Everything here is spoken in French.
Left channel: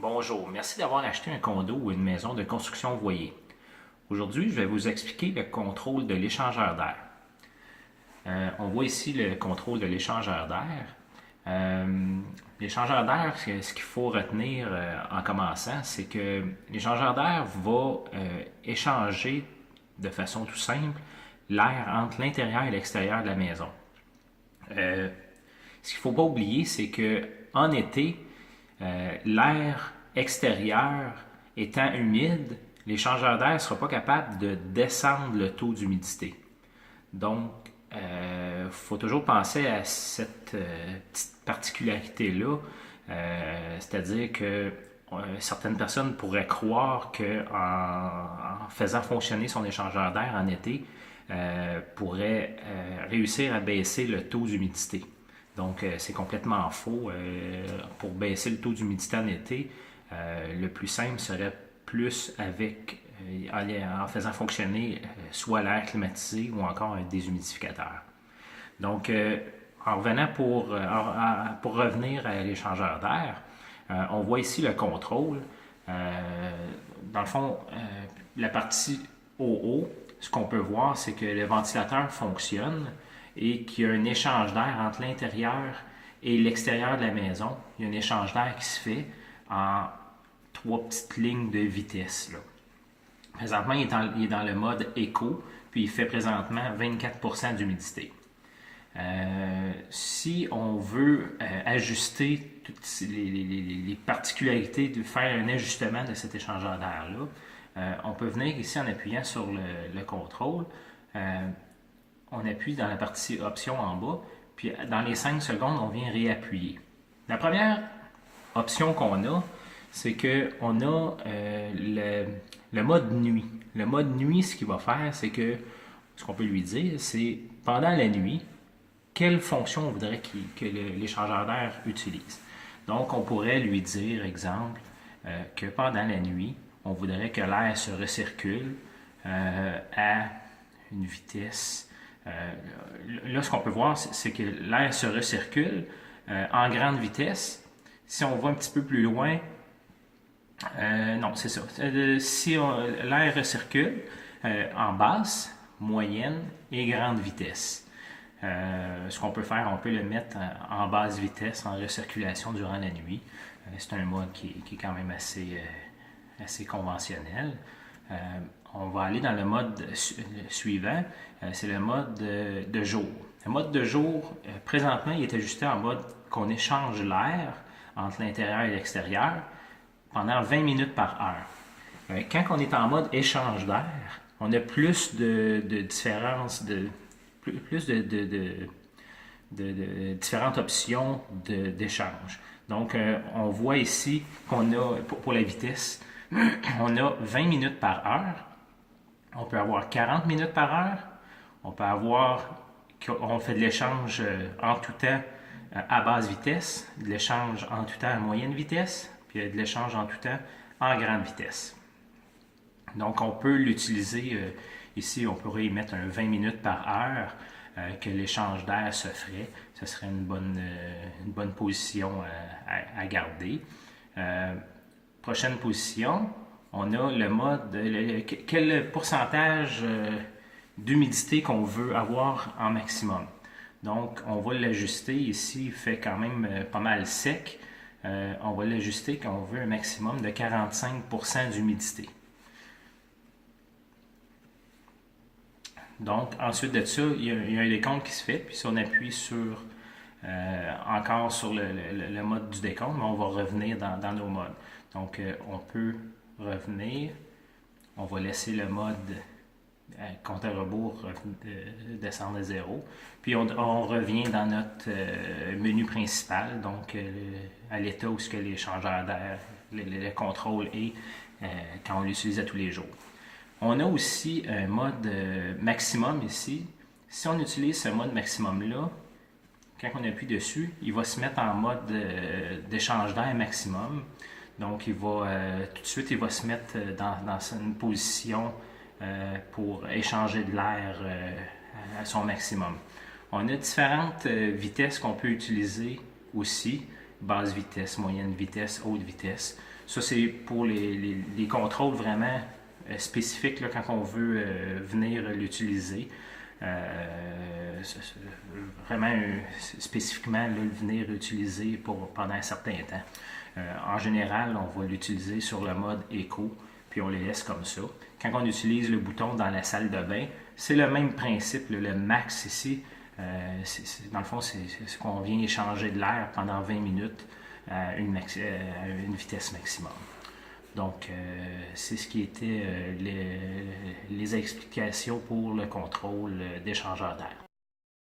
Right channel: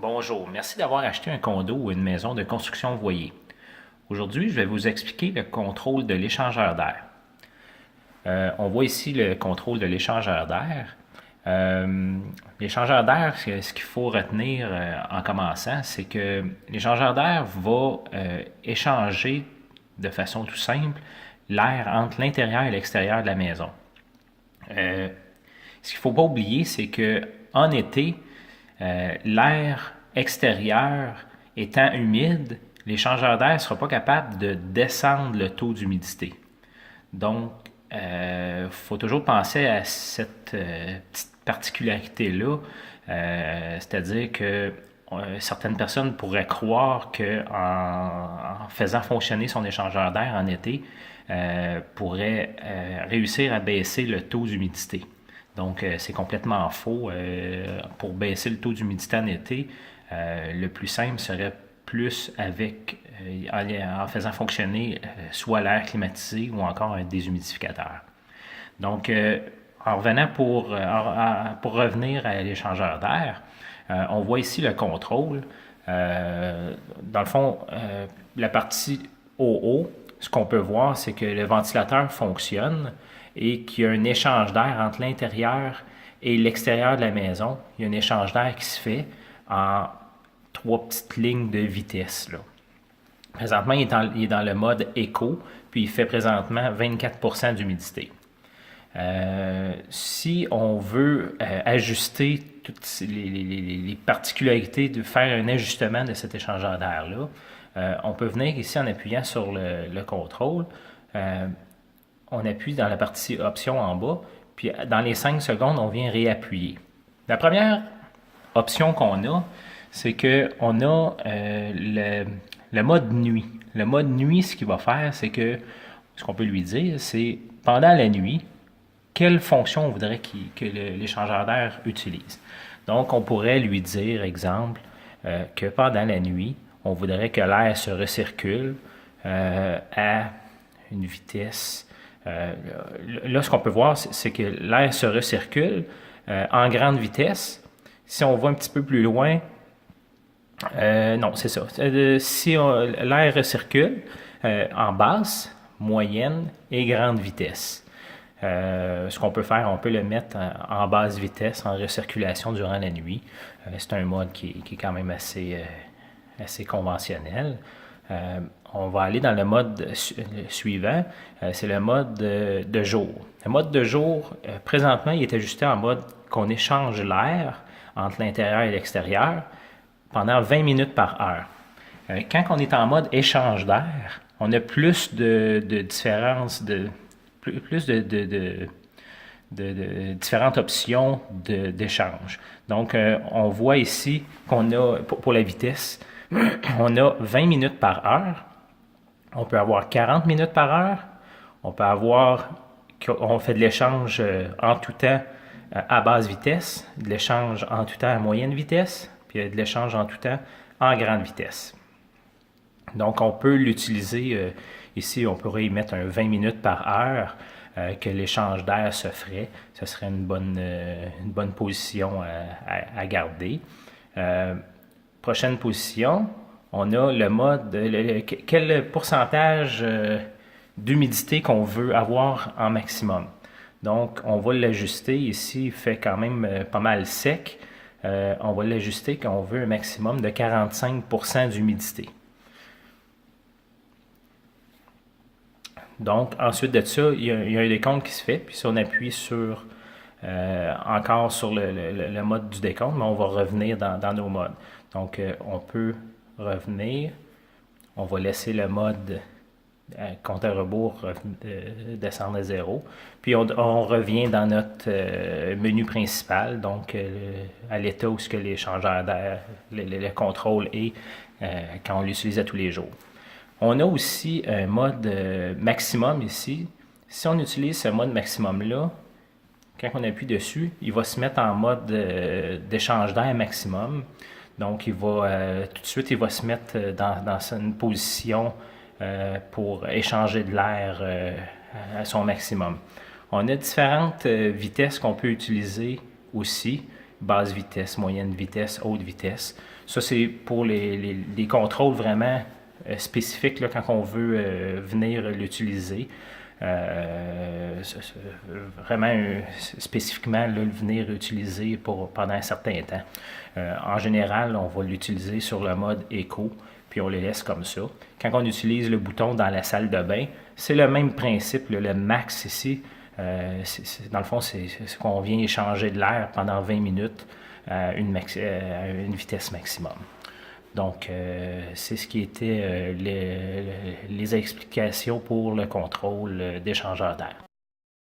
Bonjour, merci d'avoir acheté un condo ou une maison de construction voyez. Aujourd'hui, je vais vous expliquer le contrôle de l'échangeur d'air. On voit ici le contrôle de l'échangeur d'air. L'échangeur d'air, ce qu'il faut retenir en commençant, c'est que l'échangeur d'air va échanger de façon tout simple l'air entre l'intérieur et l'extérieur de la maison. Ce qu'il ne faut pas oublier, c'est que en été, l'air extérieur étant humide, l'échangeur d'air ne sera pas capable de descendre le taux d'humidité. Donc, il faut toujours penser à cette petite particularité-là, c'est-à-dire que certaines personnes pourraient croire qu'en faisant fonctionner son échangeur d'air en été, pourrait réussir à baisser le taux d'humidité. Donc, c'est complètement faux. Pour baisser le taux d'humidité en été, le plus simple serait plus avec en faisant fonctionner soit l'air climatisé ou encore un déshumidificateur. Donc, en revenant pour revenir à l'échangeur d'air, on voit ici le contrôle. Dans le fond, la partie au haut, ce qu'on peut voir, c'est que le ventilateur fonctionne et qu'il y a un échange d'air entre l'intérieur et l'extérieur de la maison. Il y a un échange d'air qui se fait en trois petites lignes de vitesse. Là. Présentement, il est dans le mode éco, puis il fait présentement 24% d'humidité. Si on veut ajuster toutes les particularités, de faire un ajustement de cet échangeur d'air-là, on peut venir ici en appuyant sur le contrôle. On appuie dans la partie option en bas, puis dans les 5 secondes, on vient réappuyer. La première option qu'on a, c'est qu'on a le mode nuit. Le mode nuit, ce qu'il va faire, c'est que, ce qu'on peut lui dire, c'est pendant la nuit, quelle fonction on voudrait que l'échangeur d'air utilise. Donc, on pourrait lui dire, exemple, que pendant la nuit, on voudrait que l'air se recircule à une vitesse. Là, ce qu'on peut voir, c'est que l'air se recircule en grande vitesse. Si on va un petit peu plus loin, non, c'est ça. Si l'air recircule en basse, moyenne et grande vitesse. Ce qu'on peut faire, on peut le mettre en basse vitesse, en recirculation durant la nuit. C'est un mode qui est quand même assez conventionnel. On va aller dans le mode suivant, c'est le mode de jour. Le mode de jour, présentement, il est ajusté en mode qu'on échange l'air entre l'intérieur et l'extérieur pendant 20 minutes par heure. Quand on est en mode échange d'air, on a plus de différences, plus de différentes options d'échange. Donc, on voit ici qu'on a, pour la vitesse, on a 20 minutes par heure, on peut avoir 40 minutes par heure, on peut avoir, on fait de l'échange en tout temps à basse vitesse, de l'échange en tout temps à moyenne vitesse, puis de l'échange en tout temps en grande vitesse. Donc, on peut l'utiliser, ici, on pourrait y mettre un 20 minutes par heure que l'échange d'air se ferait. Ce serait une bonne position à garder. Prochaine position, on a le mode, quel pourcentage d'humidité qu'on veut avoir en maximum. Donc, on va l'ajuster ici, il fait quand même pas mal sec. On va l'ajuster quand on veut un maximum de 45% d'humidité. Donc, ensuite de ça, il y a un décompte qui se fait, puis si on appuie encore sur le mode du décompte, mais on va revenir dans nos modes. Donc, on peut revenir, on va laisser le mode compte à rebours descendre à 0, puis on revient dans notre menu principal, donc à l'état où ce que l'échangeur d'air, le contrôle est quand on l'utilise à tous les jours. On a aussi un mode maximum ici. Si on utilise ce mode maximum-là, quand on appuie dessus, il va se mettre en mode d'échange d'air maximum. Donc, tout de suite, il va se mettre dans une position pour échanger de l'air à son maximum. On a différentes vitesses qu'on peut utiliser aussi. basse vitesse, moyenne vitesse, haute vitesse. Ça, c'est pour les contrôles vraiment spécifiques là, quand on veut venir l'utiliser. Vraiment spécifiquement là, le venir utiliser pendant un certain temps. En général, on va l'utiliser sur le mode éco, puis on les laisse comme ça. Quand on utilise le bouton dans la salle de bain, c'est le même principe, le max ici. Dans le fond, c'est qu'on vient échanger de l'air pendant 20 minutes à une vitesse maximum. Donc, c'est ce qui était les explications pour le contrôle d'échangeur d'air.